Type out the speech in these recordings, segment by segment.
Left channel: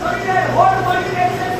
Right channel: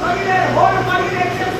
Solidarity, hold solidarity.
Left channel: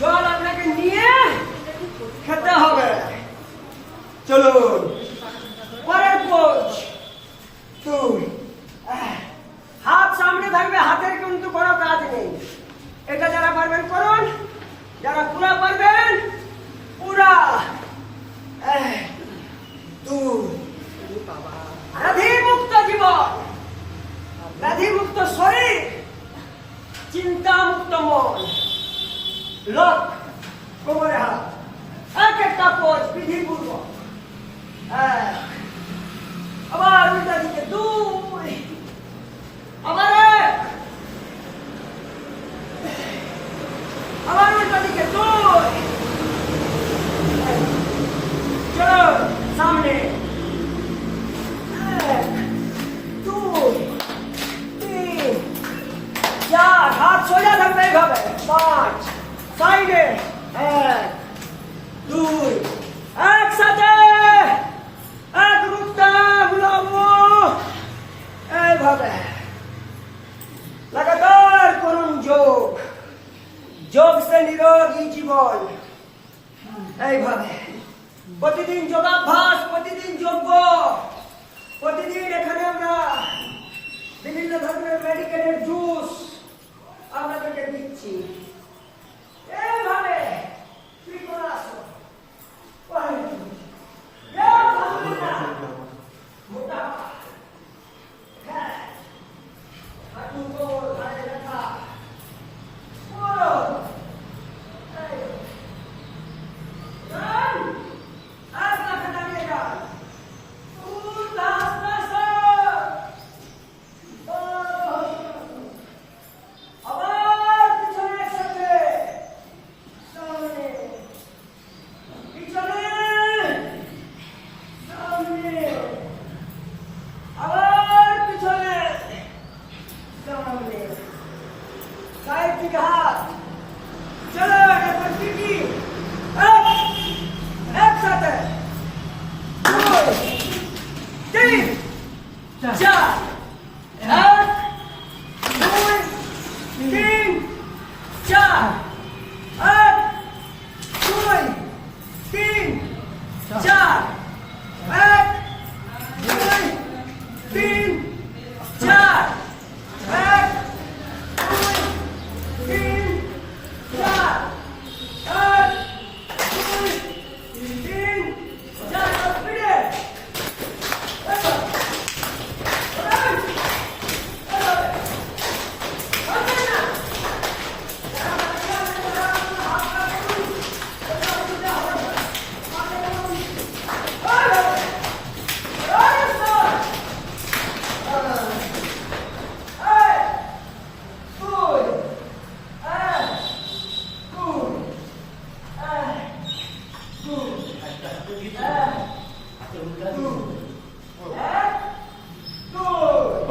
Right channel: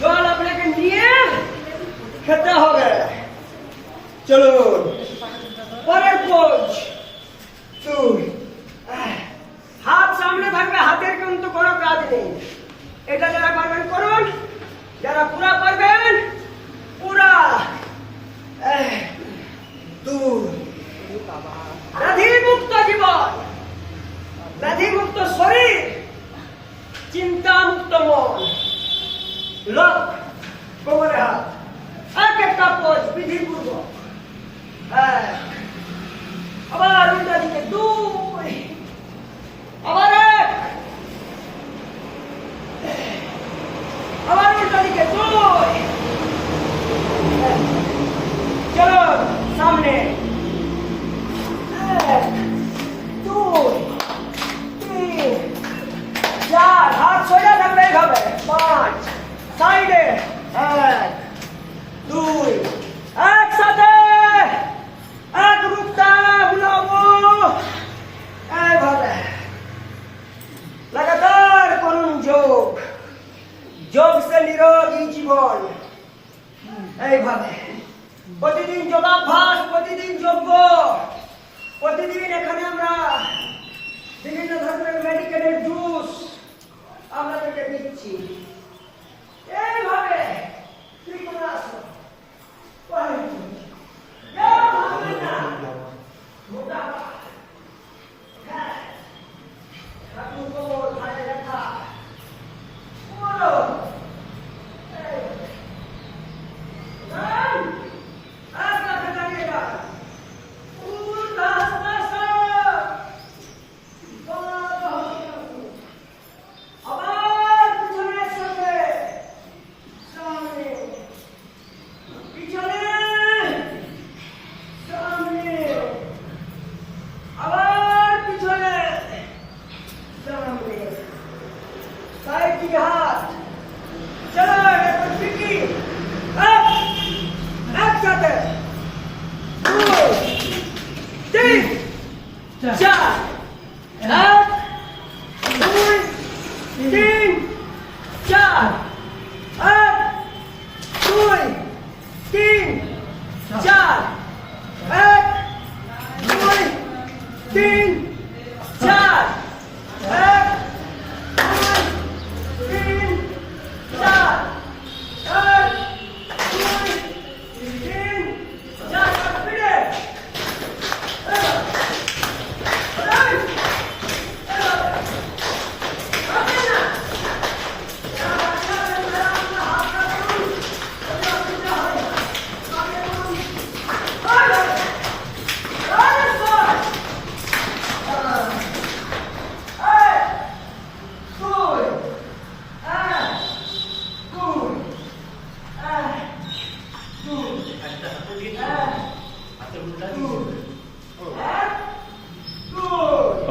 জল আপনাকে নিয়ে খেতে হবে। চলুন। পরের কোচ। তুই হাত সামনে থাকবে হাতের কিন্তু কোনো কাজ নেই। এটা যারা পারবেন করুন যারা পুরা পারবেন পুরা। তুই ব্যাধি মুক্ত জীবন ব্যাধি মুক্ত শরীর চিন্তা মুক্ত মন। লক কোমরে হাত এক একটা পথ বিধি পূর্বক যোগসে নিরোগী জীবন। এইভাবে। প্রতিদিন যোগাভ্যাস, প্রতিদিন যোগ্য। প্রতিদিন এখানে আমরা বিভিন্ন ধরনের মেডিকেলের জুস আমরা আপনাদেরকে দিচ্ছি।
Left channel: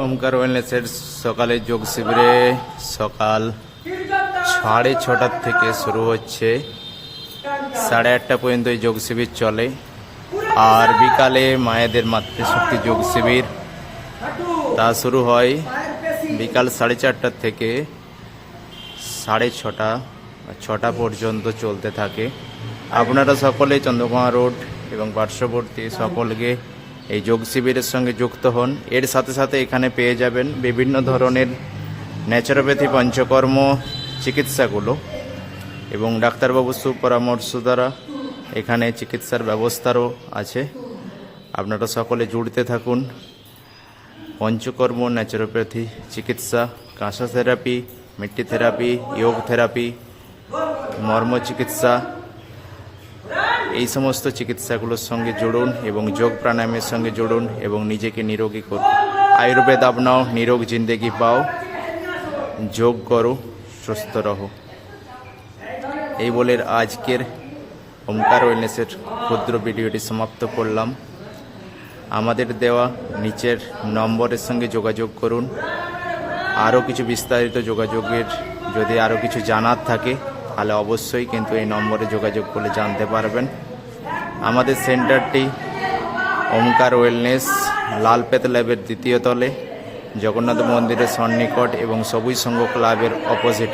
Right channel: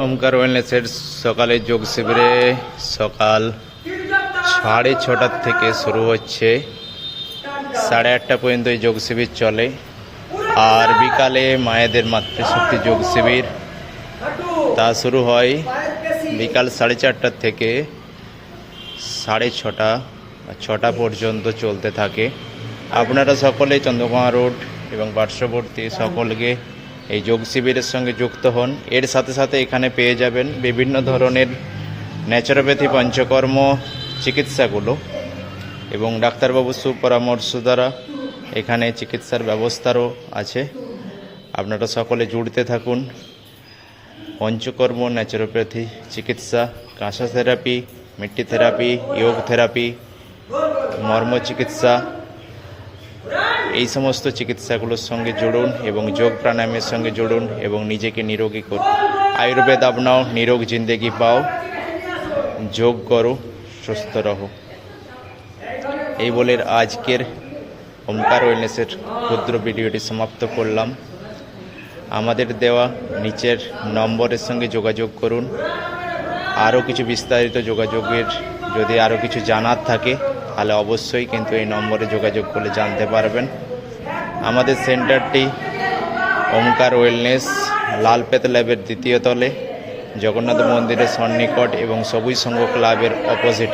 ওমকার ওয়েলনেসের সকালে যোগ শিবিরে সকাল সাড়ে ছটার থেকে শুরু হচ্ছে। সাড়ে আটটা পর্যন্ত এই যোগ শিবির চলে। আর বিকালে মায়েদের মাতৃশক্তি যোগ শিবির, তা শুরু হয় বিকাল সাড়ে চারটার থেকে সাড়ে ছটা ছটা পর্যন্ত চলতে থাকে। আপনারা সকলে চন্দ্রকোনা রোড এবং পার্শ্ববর্তী সকলকে এই যোগ শিবিরের সঙ্গে যুক্ত হন। এর সাথে সাথে এখানে পেয়ে যাবেন বিভিন্ন ধরনের ন্যাচারোপ্যাথি পঞ্চকর্ম, চিকিৎসাগুলো এবং ডাক্তারবাবু সুপরামর্শ দ্বারা এখানে চিকিৎসার ব্যবস্থারও আছে। আপনারা সকলে জুড়তে থাকুন। পঞ্চকর্ম ন্যাচারোপ্যাথি চিকিৎসা কাঁসা থেরাপি মিট্টি থেরাপি যোগ থেরাপি মর্ম চিকিৎসা এই সমস্ত চিকিৎসাগুলোর সঙ্গে জুড়ুন এবং যোগ প্রাণায়ামের সঙ্গে জুড়ুন এবং নিজেকে নিরোগী করুন। আয়ুর্বেদ আপনাও নিরোগ জিন্দেগি পাও, যোগ করো, সুস্থ রহো। এই বলে আজকের ওমকার ওয়েলনেসের ক্ষুদ্র ভিডিওটি সমাপ্ত করলাম। আমাদের দেওয়া নিচের নম্বরের সঙ্গে যোগাযোগ করুন। আরও কিছু বিস্তারিত যোগাযোগের যদি আরও কিছু জানার থাকে তাহলে অবশ্যই কিন্তু এই নম্বরে যোগাযোগ করে জানতে পারবেন। আমাদের সেন্টারটি ওমকার ওয়েলনেস, লালপেত ল্যাবের দ্বিতীয় তলে, জগন্নাথ মন্দিরের সন্নিকট এবং সবুজ সংঘ ক্লাবের অপোজিট।